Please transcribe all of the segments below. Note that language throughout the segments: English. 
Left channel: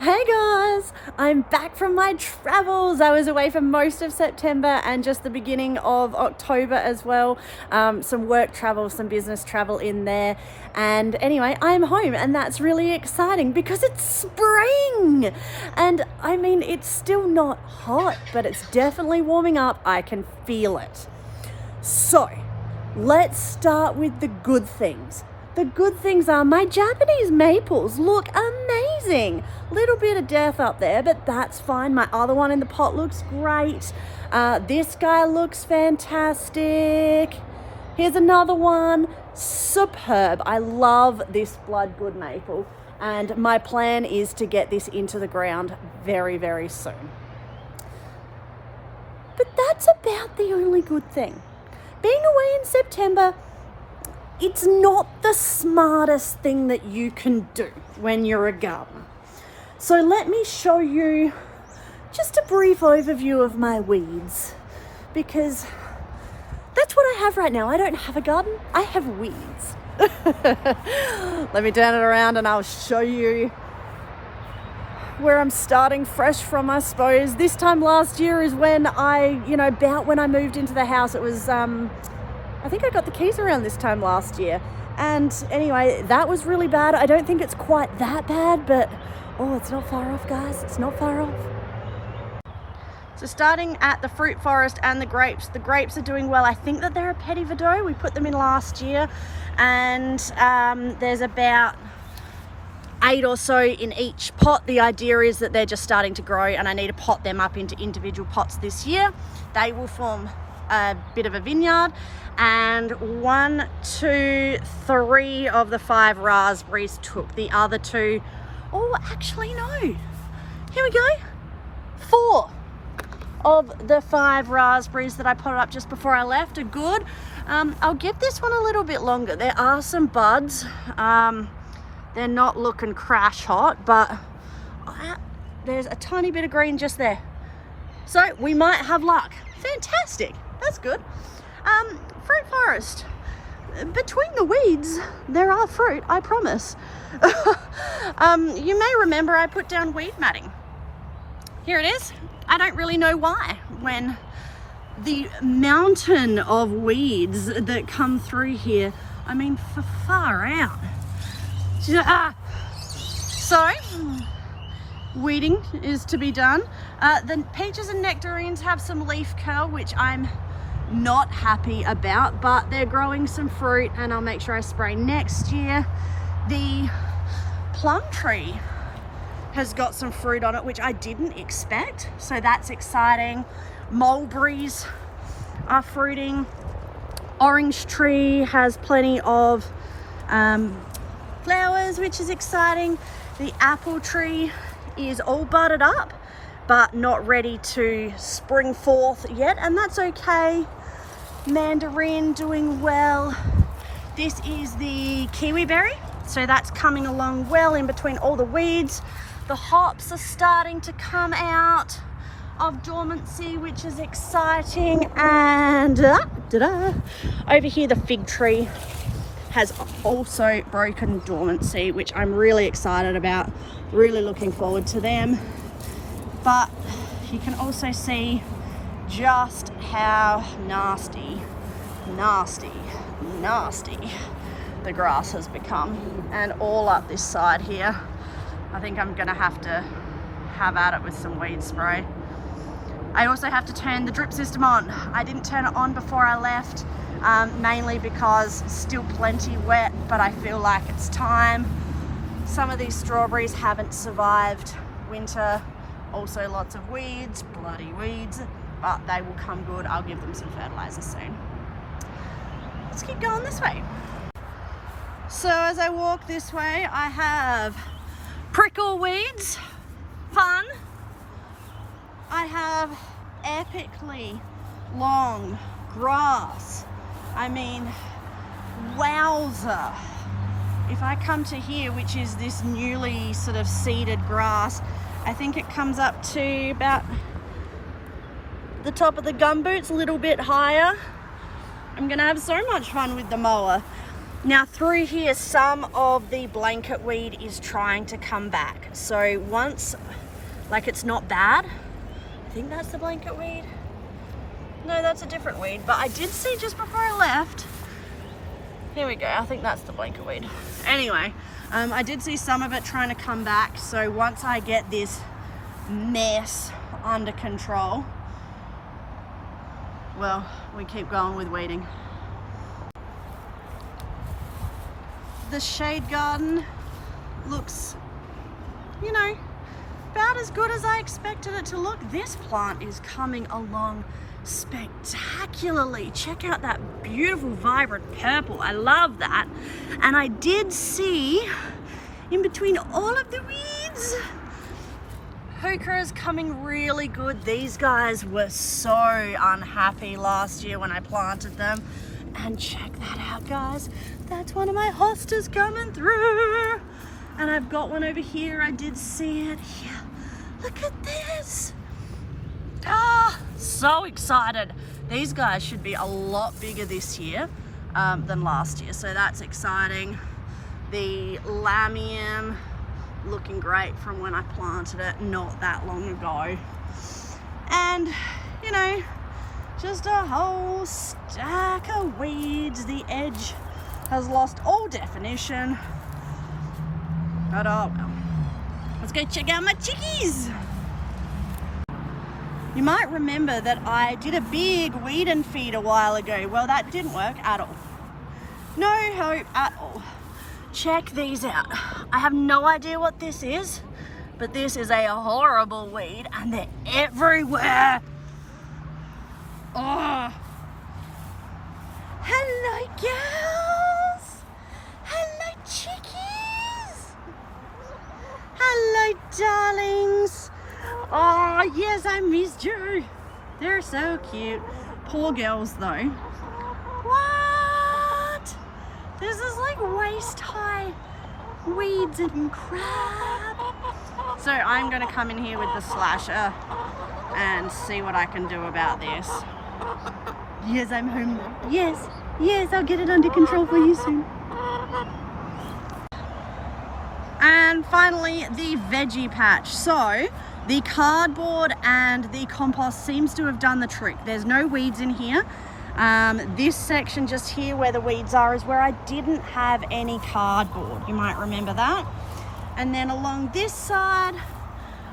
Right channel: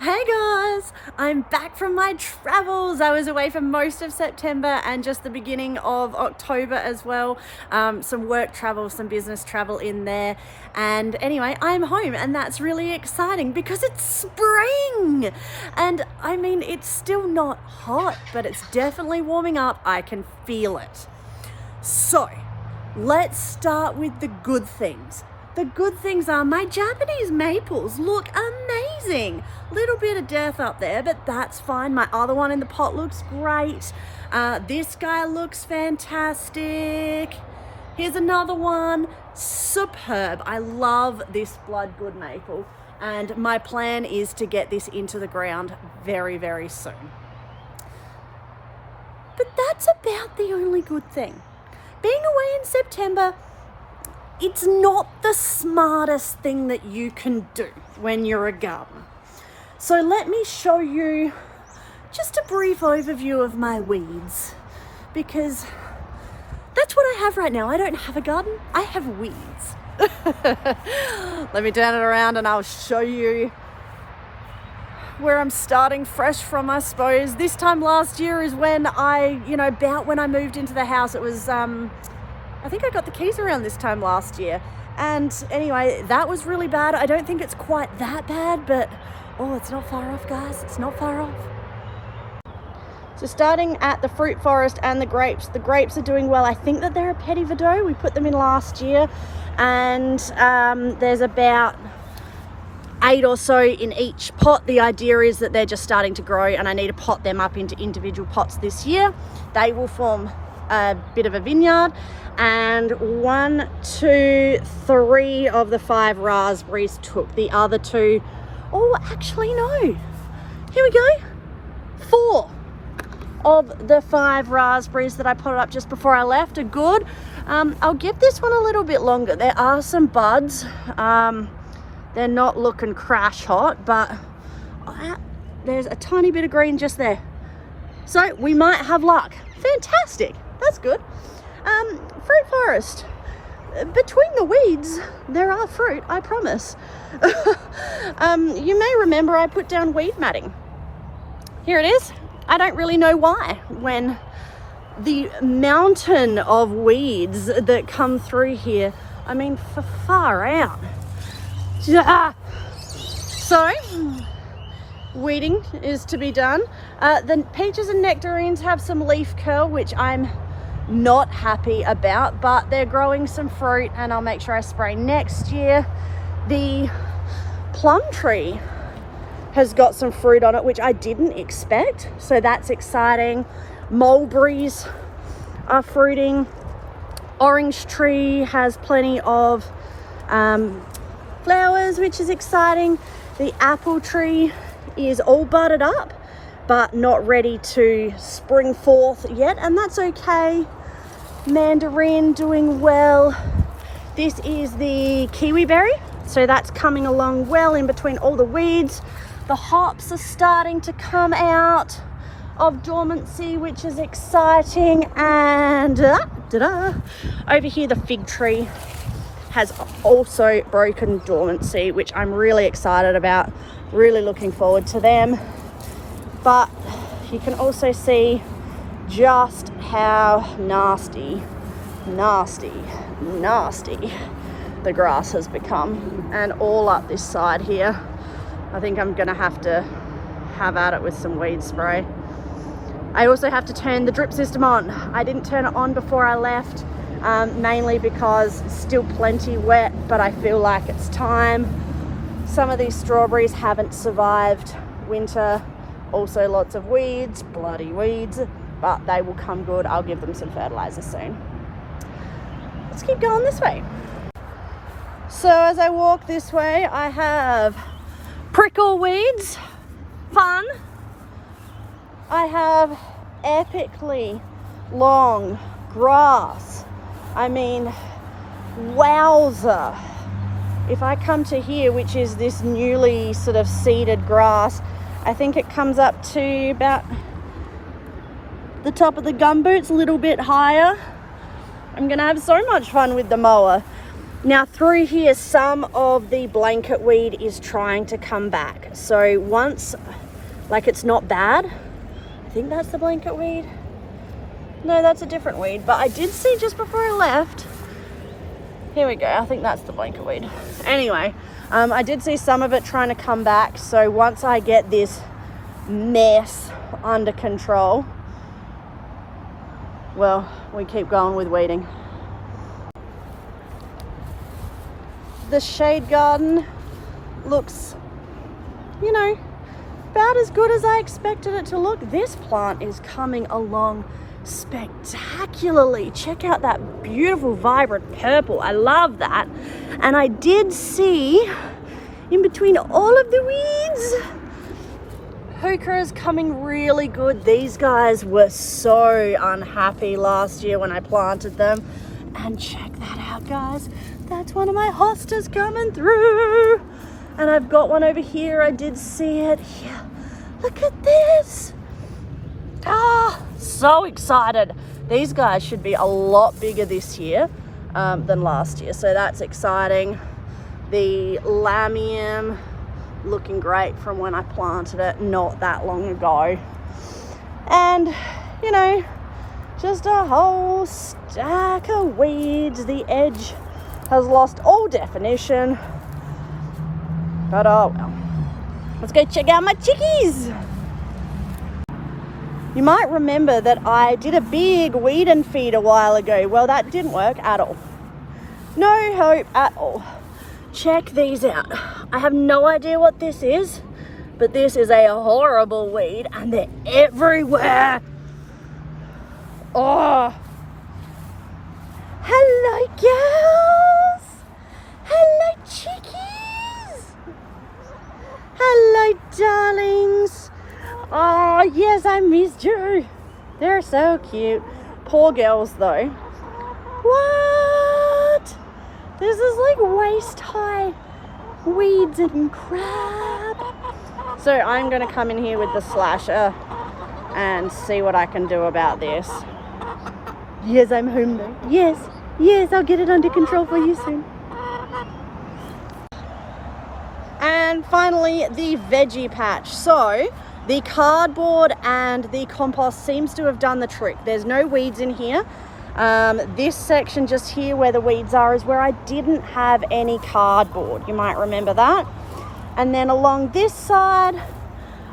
Hey guys, I'm back from my travels. I was away for most of September and just the beginning of October as well. Some work travel, some business travel in there. And anyway, I'm home and that's really exciting because it's spring. And I mean, it's still not hot, but it's definitely warming up. I can feel it. So let's start with the good things. The good things are my Japanese maples look amazing. Little bit of death up there, but that's fine. My other one in the pot looks great. This guy looks fantastic. Here's another one. Superb. I love this Bloodgood maple. And my plan is to get this into the ground very, very soon. But that's about the only good thing. Being away in September, it's not the smartest thing that you can do when you're a gardener. So let me show you just a brief overview of my weeds, because that's what I have right now. I don't have a garden, I have weeds. Let me turn it around and I'll show you where I'm starting fresh from, I suppose. This time last year is when about when I moved into the house. It was, I think I got the keys around this time last year. And anyway, that was really bad. I don't think it's quite that bad, but it's not far off, guys. It's not far off. So starting at the fruit forest and the grapes are doing well. I think that they're a Petit Verdot. We put them in last year, and there's about 8 or so in each pot. The idea is that they're just starting to grow and I need to pot them up into individual pots this year. They will form a bit of a vineyard. And 1, 2, 3 of the 5 raspberries took. The other 2, actually no. Here we go. 4 of the 5 raspberries that I potted up just before I left are good. I'll give this one a little bit longer. There are some buds. They're not looking crash hot, but there's a tiny bit of green just there. So we might have luck. Fantastic. That's good. Fruit forest. Between the weeds, there are fruit, I promise. You may remember I put down weed matting. Here it is. I don't really know why. When the mountain of weeds that come through here, I mean, for far out. So, weeding is to be done. The peaches and nectarines have some leaf curl, which I'm not happy about, but they're growing some fruit and I'll make sure I spray next year. The plum tree has got some fruit on it, which I didn't expect, so that's exciting. Mulberries are fruiting. Orange tree has plenty of flowers, which is exciting. The apple tree is all budded up but not ready to spring forth yet, and that's okay. Mandarin doing well. This is the kiwi berry, so that's coming along well in between all the weeds. The hops are starting to come out of dormancy, which is exciting. And over here the fig tree has also broken dormancy, which I'm really excited about, really looking forward to them. But you can also see just how nasty the grass has become, and all up this side here. I think I'm gonna have to have at it with some weed spray. I also have to turn the drip system on. I didn't turn it on before I left, mainly because it's still plenty wet, but I feel like it's time. Some of these strawberries haven't survived winter. Also lots of weeds, bloody weeds, but they will come good. I'll give them some fertilizer soon. Let's keep going this way. So as I walk this way, I have prickle weeds, fun. I have epically long grass. I mean, wowza. If I come to here, which is this newly sort of seeded grass, I think it comes up to about the top of the gumboots, a little bit higher. I'm gonna have so much fun with the mower. Now through here, some of the blanket weed is trying to come back. So once, like, it's not bad. I think that's the blanket weed. No, that's a different weed. But I did see just before I left. Here we go. I think that's the blanket weed. Anyway, I did see some of it trying to come back. So once I get this mess under control, well, we keep going with weeding. The shade garden looks, you know, about as good as I expected it to look. This plant is coming along spectacularly. Check out that beautiful vibrant purple. I love that. And I did see in between all of the weeds, heuchera is coming really good. These guys were so unhappy last year when I planted them. And check that out, guys. That's one of my hostas coming through. And I've got one over here. I did see it here. Look at this. Ah, so excited. These guys should be a lot bigger this year than last year. So that's exciting. The lamium looking great from when I planted it not that long ago. And, you know, just a whole stack of weeds. The edge has lost all definition. But oh well. Let's go check out my chickies. You might remember that I did a big weed and feed a while ago. Well, that didn't work at all. No hope at all. Check these out. I have no idea what this is, but this is a horrible weed and they're everywhere. Oh. Hello, girls. Hello, chickies. Hello, darlings. Oh, yes, I missed you. They're so cute. Poor girls, though. What? This is like waist-high weeds and crab. So I'm going to come in here with the slasher and see what I can do about this. Yes, I'm home now. Yes, yes, I'll get it under control for you soon. And finally, the veggie patch. So the cardboard and the compost seems to have done the trick. There's no weeds in here. This section just here where the weeds are is where I didn't have any cardboard. You might remember that. And then along this side,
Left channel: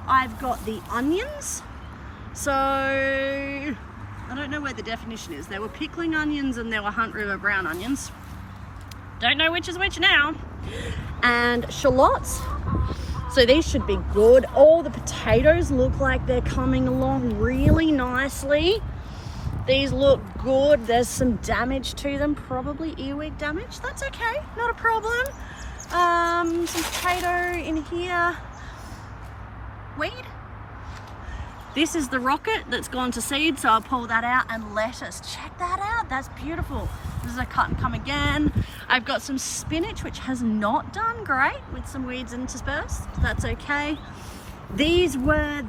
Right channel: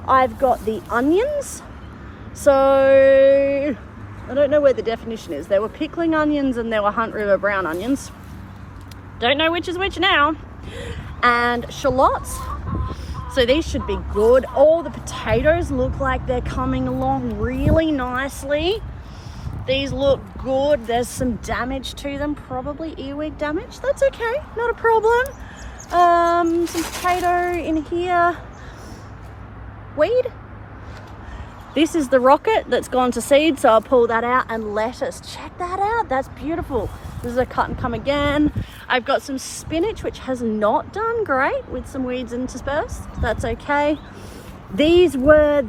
I've got the onions. So I don't know where the definition is. There were pickling onions and there were Hunt River brown onions. Don't know which is which now. And shallots. So these should be good. All the potatoes look like they're coming along really nicely. These look good. There's some damage to them, probably earwig damage. That's okay, not a problem. Some potato in here. Weed. This is the rocket that's gone to seed, so I'll pull that out. And lettuce, check that out. That's beautiful. This is a cut and come again. I've got some spinach, which has not done great with some weeds interspersed. That's okay. These were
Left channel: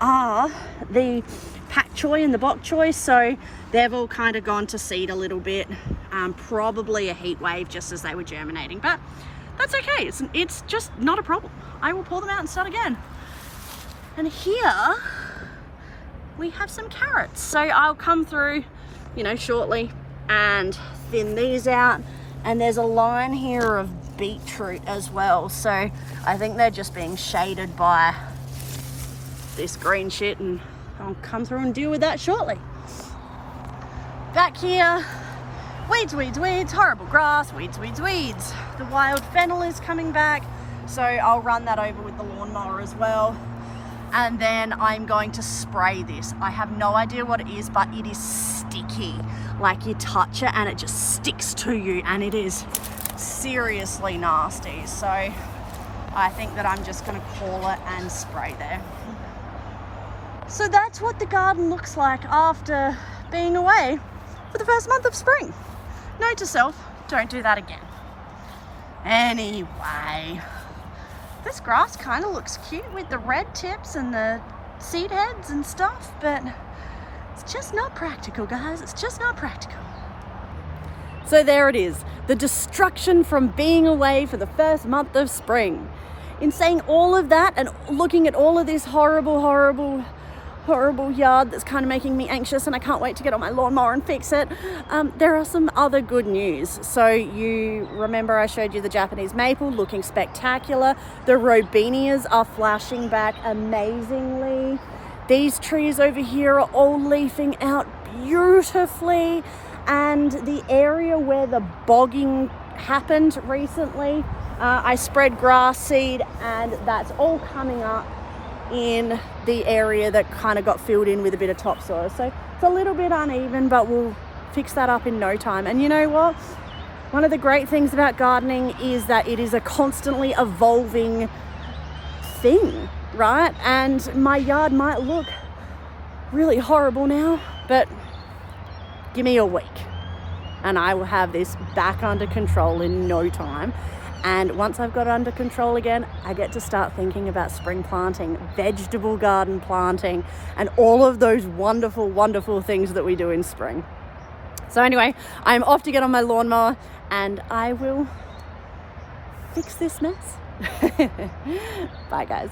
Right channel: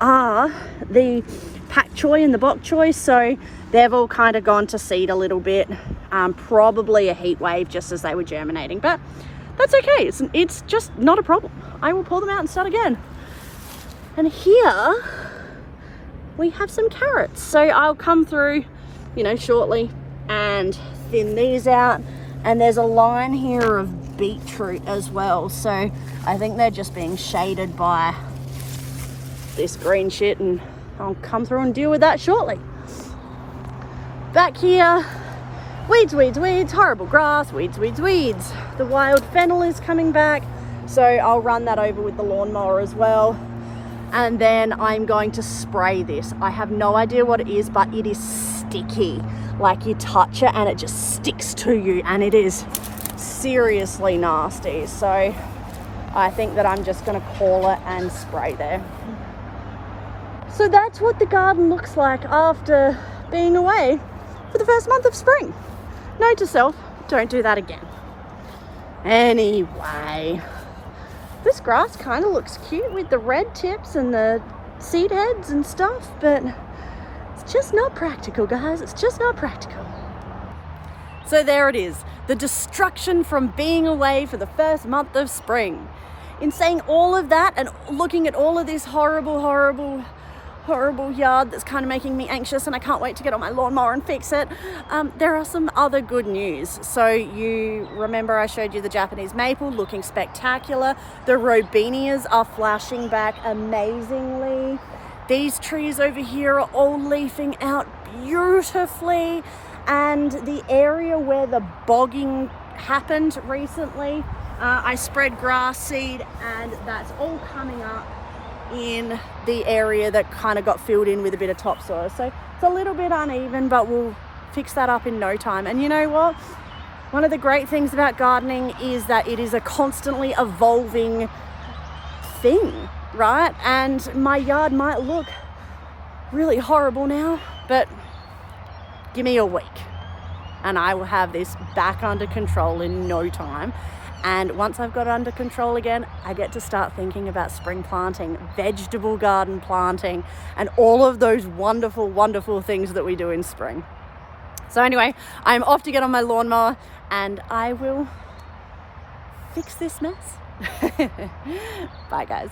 are the pak choi and the bok choy, so they've all kind of gone to seed a little bit. Probably a heat wave just as they were germinating, but that's okay. It's just not a problem. I will pull them out and start again. And here we have some carrots. So I'll come through, you know, shortly and thin these out. And there's a line here of beetroot as well. So I think they're just being shaded by this green shit, and I'll come through and deal with that shortly. Back here, weeds, weeds, weeds, horrible grass, weeds, weeds, weeds. The wild fennel is coming back, so I'll run that over with the lawnmower as well. And then I'm going to spray this. I have no idea what it is, but it is sticky. Like, you touch it and it just sticks to you, and it is seriously nasty. So I think that I'm just gonna call it and spray there. So that's what the garden looks like after being away for the first month of spring. Note to self, don't do that again. Anyway, this grass kind of looks cute with the red tips and the seed heads and stuff, but it's just not practical, guys. It's just not practical. So there it is, the destruction from being away for the first month of spring. In saying all of that and looking at all of this horrible yard that's kind of making me anxious and I can't wait to get on my lawnmower and fix it, there are some other good news. So you remember I showed you the Japanese maple looking spectacular. The robinias are flashing back amazingly. These trees over here are all leafing out beautifully, and the area where the bogging happened recently, I spread grass seed and that's all coming up in the area that kind of got filled in with a bit of topsoil. So it's a little bit uneven, but we'll fix that up in no time. And you know what? One of the great things about gardening is that it is a constantly evolving thing, right? And my yard might look really horrible now, but give me a week and I will have this back under control in no time. And once I've got it under control again, I get to start thinking about spring planting, vegetable garden planting, and all of those wonderful, wonderful things that we do in spring. So anyway, I'm off to get on my lawnmower and I will fix this mess. Bye guys.